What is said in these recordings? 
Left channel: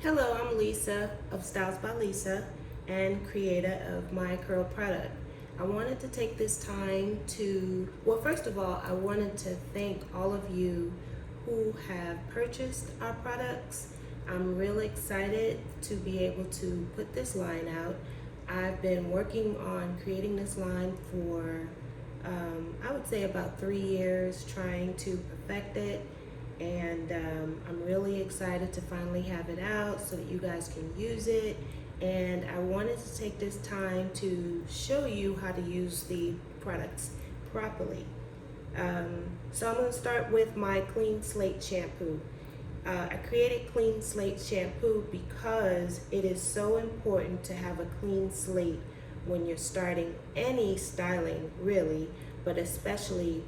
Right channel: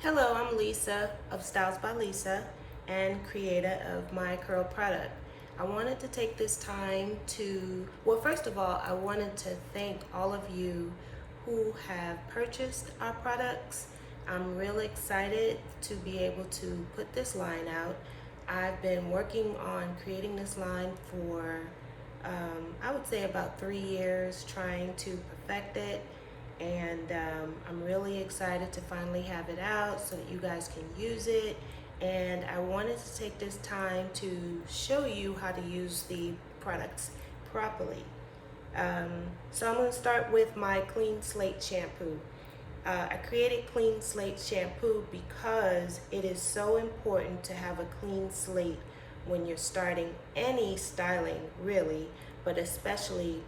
Hello, I'm Lisa of Styles by Lisa and creator of my curl product. I wanted to take this time to, well, first of all, I wanted to thank all of you who have purchased our products. I'm really excited to be able to put this line out. I've been working on creating this line for, I would say about 3 years, trying to perfect it, and I'm really excited to finally have it out so that you guys can use it. And I wanted to take this time to show you how to use the products properly. So I'm going to start with my Clean Slate shampoo. I created Clean Slate shampoo because it is so important to have a clean slate when you're starting any styling, really, but especially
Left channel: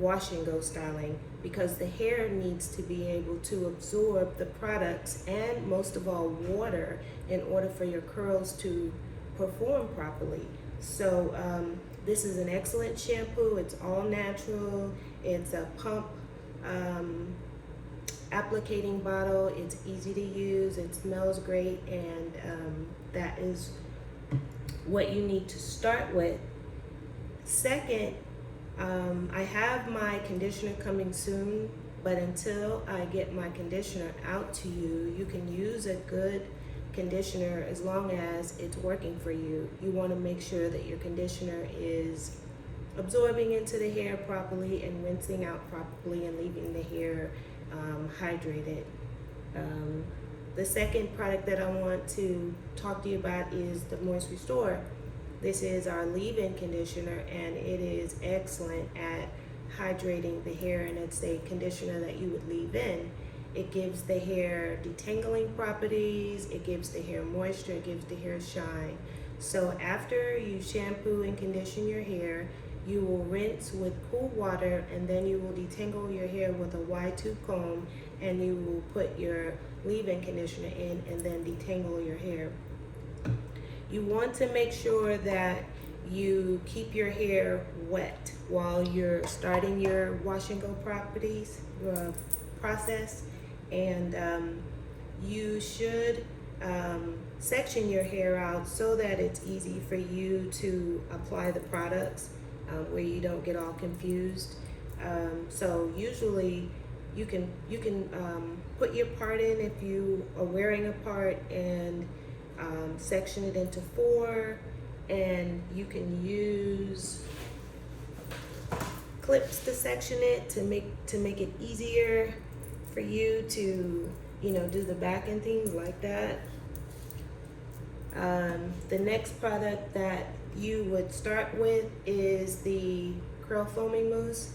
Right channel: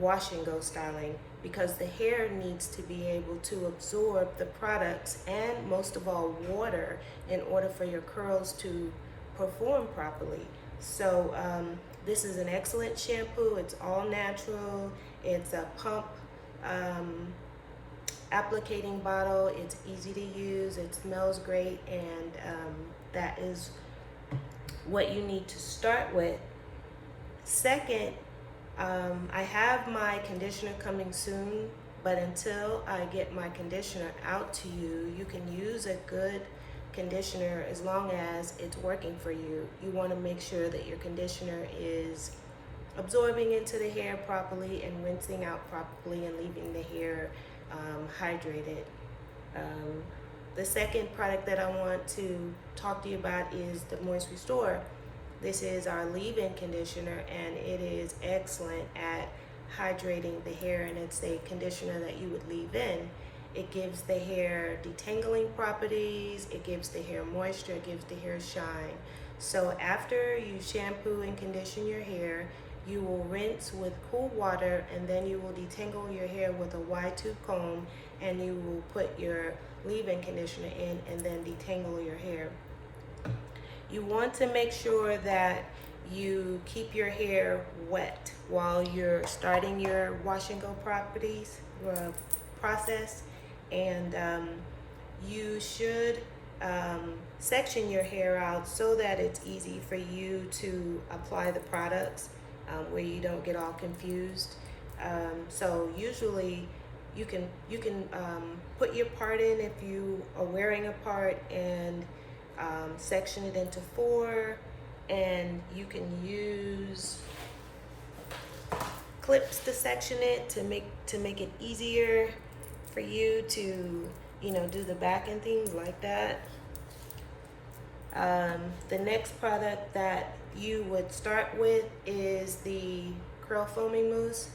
wash and go styling, because the hair needs to be able to absorb the products and most of all water in order for your curls to perform properly. So this is an excellent shampoo. It's all natural. It's a pump applicating bottle. It's easy to use. It smells great, and that is what you need to start with. Second, I have my conditioner coming soon, but until I get my conditioner out to you, you can use a good conditioner as long as it's working for you. You want to make sure that your conditioner is absorbing into the hair properly and rinsing out properly and leaving the hair hydrated. The second product that I want to talk to you about is the Moist Restore. This is our leave-in conditioner, and it is excellent at hydrating the hair, and it's a conditioner that you would leave in. It gives the hair detangling properties, it gives the hair moisture, it gives the hair shine. So after you shampoo and condition your hair, you will rinse with cool water, and then you will detangle your hair with a wide tooth comb, and you will put your leave-in conditioner in and then detangle your hair. You want to make sure that you keep your hair wet while you're starting your wash and go process, and you should section your hair out so that it's easy for you to apply the products, where you don't get all confused. So usually you can put your part in if you are wearing a part, and section it into 4, and you can use clips to section it to make it easier for you to do the back and things like that. The next product that you would start with is the curl foaming mousse.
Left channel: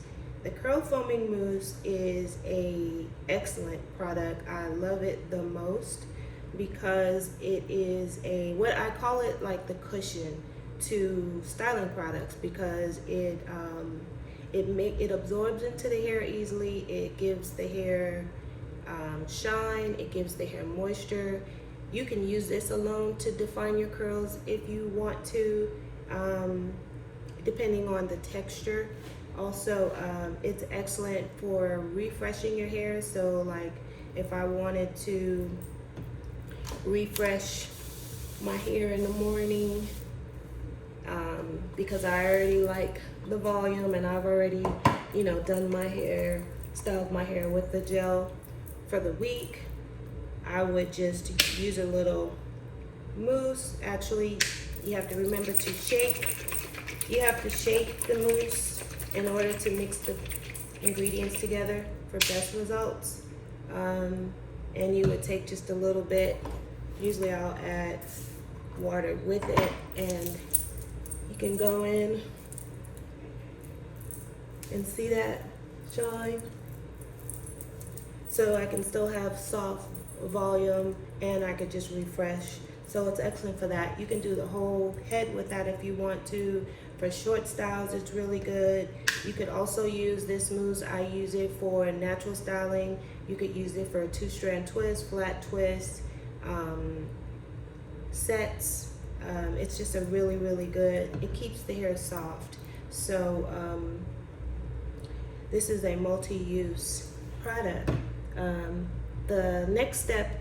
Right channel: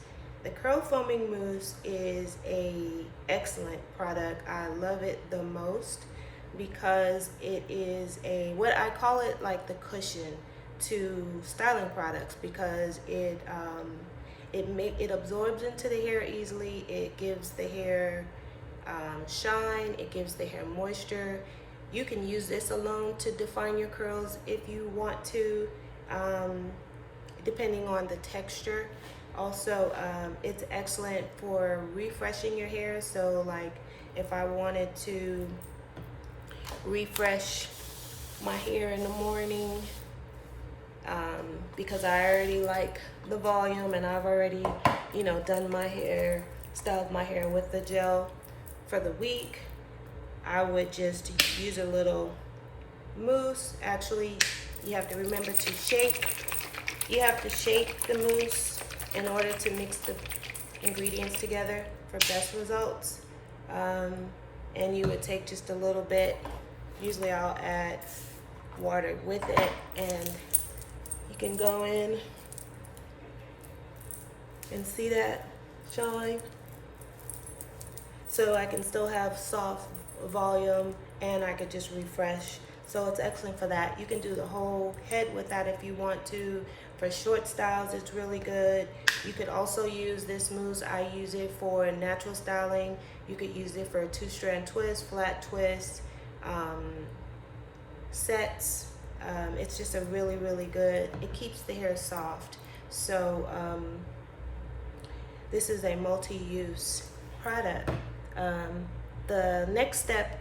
The curl foaming mousse is a excellent product. I love it the most because it is what I call it, like the cushion to styling products, because it absorbs into the hair easily. It gives the hair shine. It gives the hair moisture. You can use this alone to define your curls if you want to, depending on the texture. Also, it's excellent for refreshing your hair. So like if I wanted to refresh my hair in the morning, because I already like the volume and I've already done my hair, styled my hair with the gel for the week, I would just use a little mousse. Actually, you have to remember to shake. You have to shake the mousse in order to mix the ingredients together for best results. And you would take just a little bit. Usually I'll add water with it, and you can go in and see that shine. So I can still have soft volume, and I could just refresh. So it's excellent for that. You can do the whole head with that if you want to. For short styles, it's really good. You could also use this mousse. I use it for natural styling. You could use it for a 2-strand twist, flat twist, sets. It's just a really, really good, it keeps the hair soft. So this is a multi-use product. The next step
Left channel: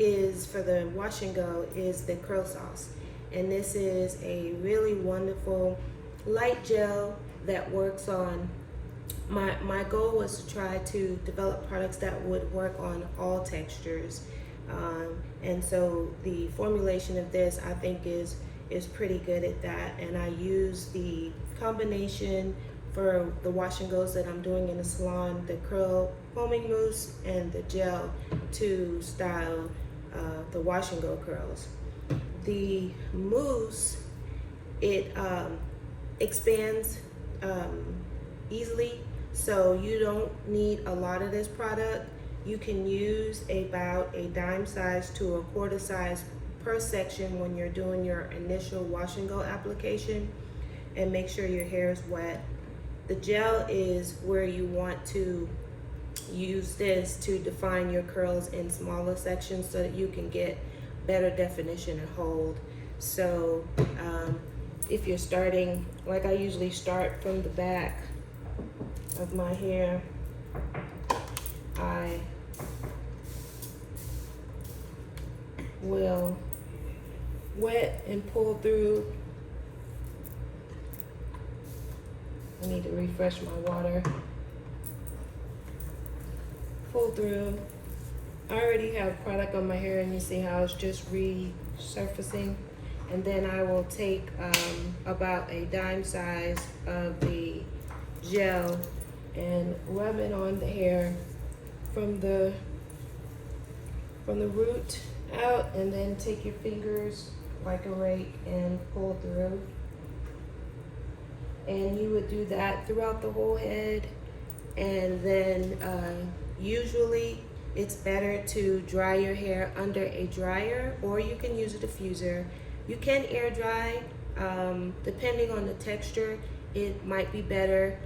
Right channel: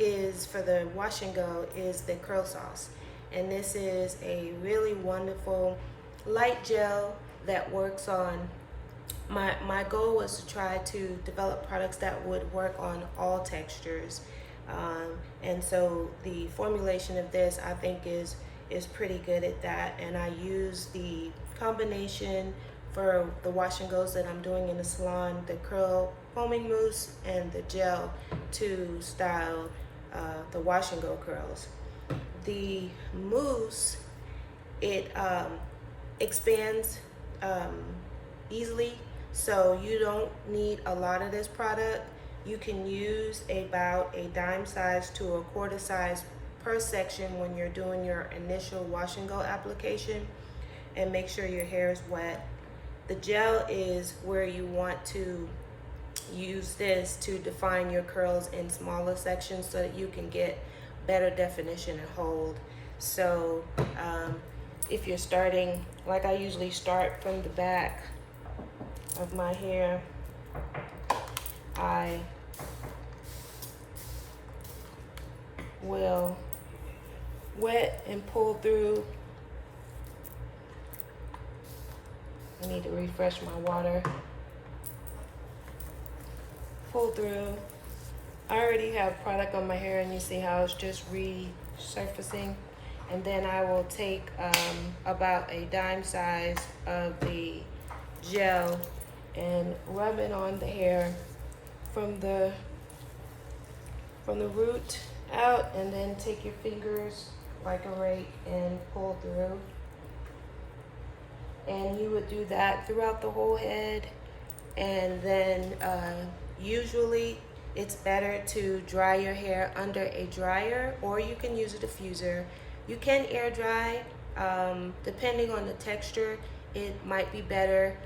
is for the wash and go is the curl sauce. And this is a really wonderful light gel that works on, my goal was to try to develop products that would work on all textures. And so the formulation of this I think is pretty good at that. And I use the combination for the wash and goes that I'm doing in the salon, the curl foaming mousse and the gel to style the wash and go curls. The mousse, it expands easily, so you don't need a lot of this product. You can use about a dime size to a quarter size per section when you're doing your initial wash and go application, and make sure your hair is wet. The gel is where you want to use this to define your curls in smaller sections so that you can get better definition and hold. So if you're starting, like I usually start from the back of my hair, I will wet and pull through. I need to refresh my water. Pull through. I already have product on my hair, and you see how it's just resurfacing. And then I will take about a dime size of the gel and rub it on the hair from the root out, and then take your fingers like a rake and pull through. And you would do that throughout the whole head. And then usually it's better to dry your hair under a dryer, or you can use a diffuser. You can air dry, depending on the texture. It might be better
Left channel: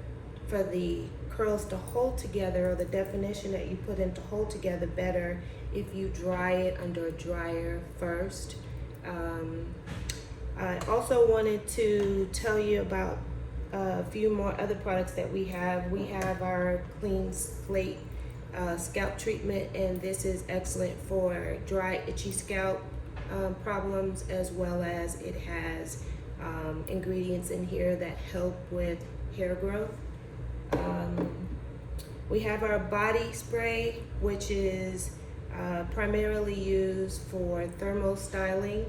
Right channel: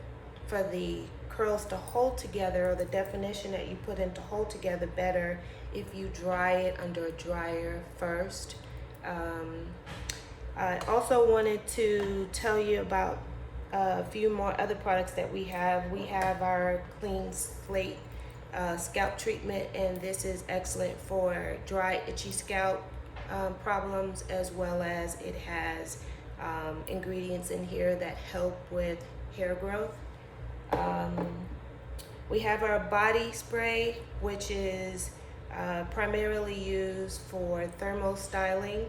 for the curls to hold together, or the definition that you put in to hold together better, if you dry it under a dryer first. I also wanted to tell you about a few more other products that we have. We have our Clean Slate scalp treatment, and this is excellent for dry, itchy scalp problems, as well as it has ingredients in here that help with hair growth. We have our body spray, which is primarily used for thermal styling.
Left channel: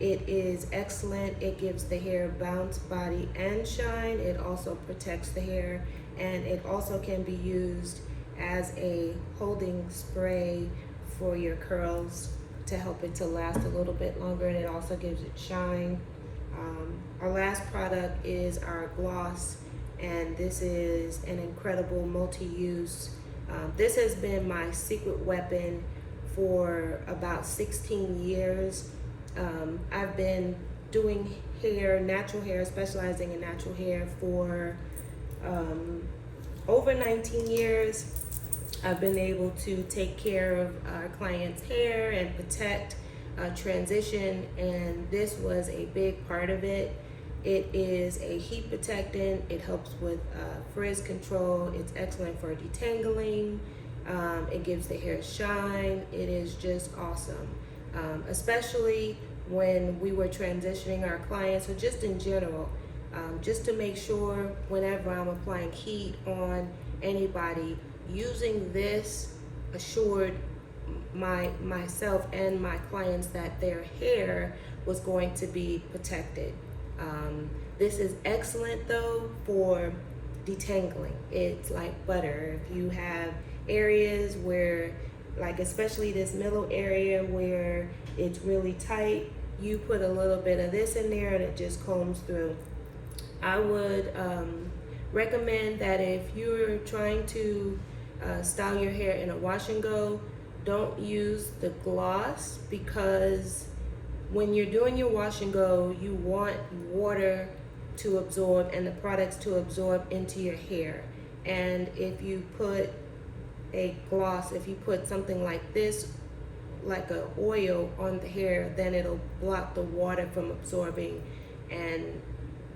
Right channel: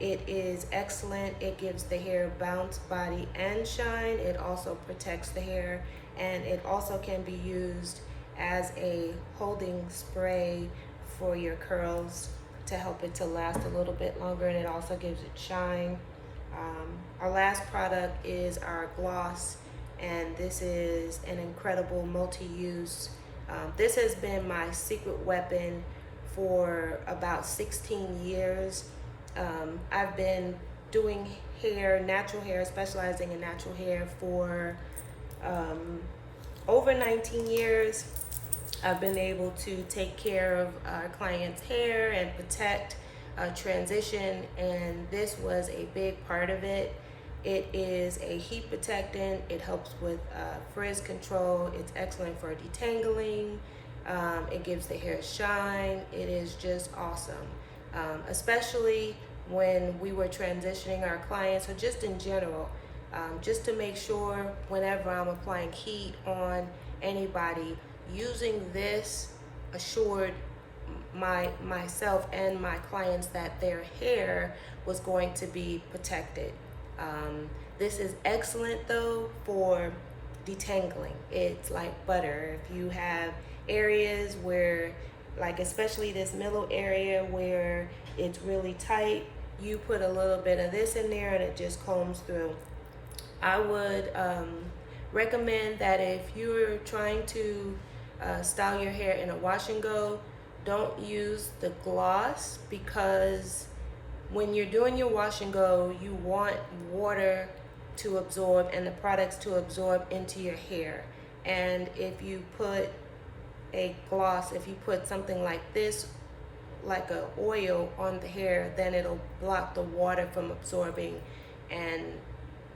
It is excellent. It gives the hair bounce, body, and shine. It also protects the hair, and it also can be used as a holding spray for your curls to help it to last a little bit longer, and it also gives it shine. Our last product is our gloss, and this is an incredible multi-use. This has been my secret weapon for about 16 years. I've been doing hair, natural hair, specializing in natural hair for over 19 years. I've been able to take care of our clients' hair and protect transition, and this was a big part of it. It is a heat protectant. It helps with frizz control. It's excellent for detangling. It gives the hair shine. It is just awesome, especially when we were transitioning our clients, or just in general, just to make sure whenever I'm applying heat on anybody, using this assured myself and my clients that their hair was going to be protected. This is excellent though for detangling. It's like butter. If you have areas where, like especially this middle area where it's really tight, you put a little bit of this in there and it just combs through. I would recommend that if you're trying to style your hair in a wash and go, don't use the gloss, because when you're doing your wash and go, you want water to absorb and the products to absorb into your hair. And if you put a gloss, if you put something like this, like a oil on the hair, then it'll block the water from absorbing, and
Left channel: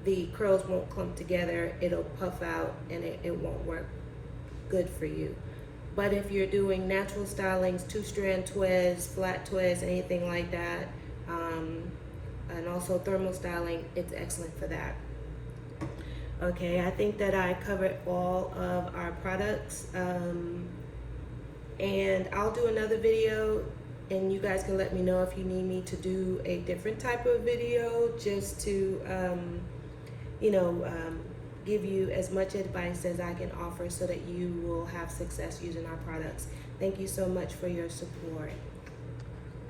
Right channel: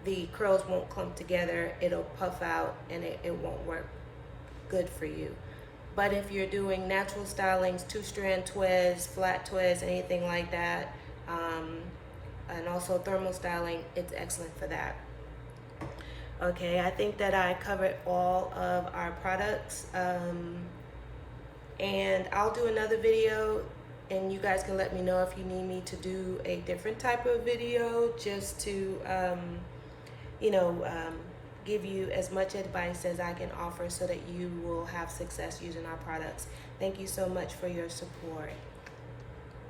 the curls won't clump together. It'll puff out, and it won't work good for you. But if you're doing natural stylings, 2-strand twists, flat twists, anything like that, and also thermal styling, it's excellent for that. Okay, I think that I covered all of our products, and I'll do another video, and you guys can let me know if you need me to do a different type of video, just to you know, give you as much advice as I can offer so that you will have success using our products. Thank you so much for your support.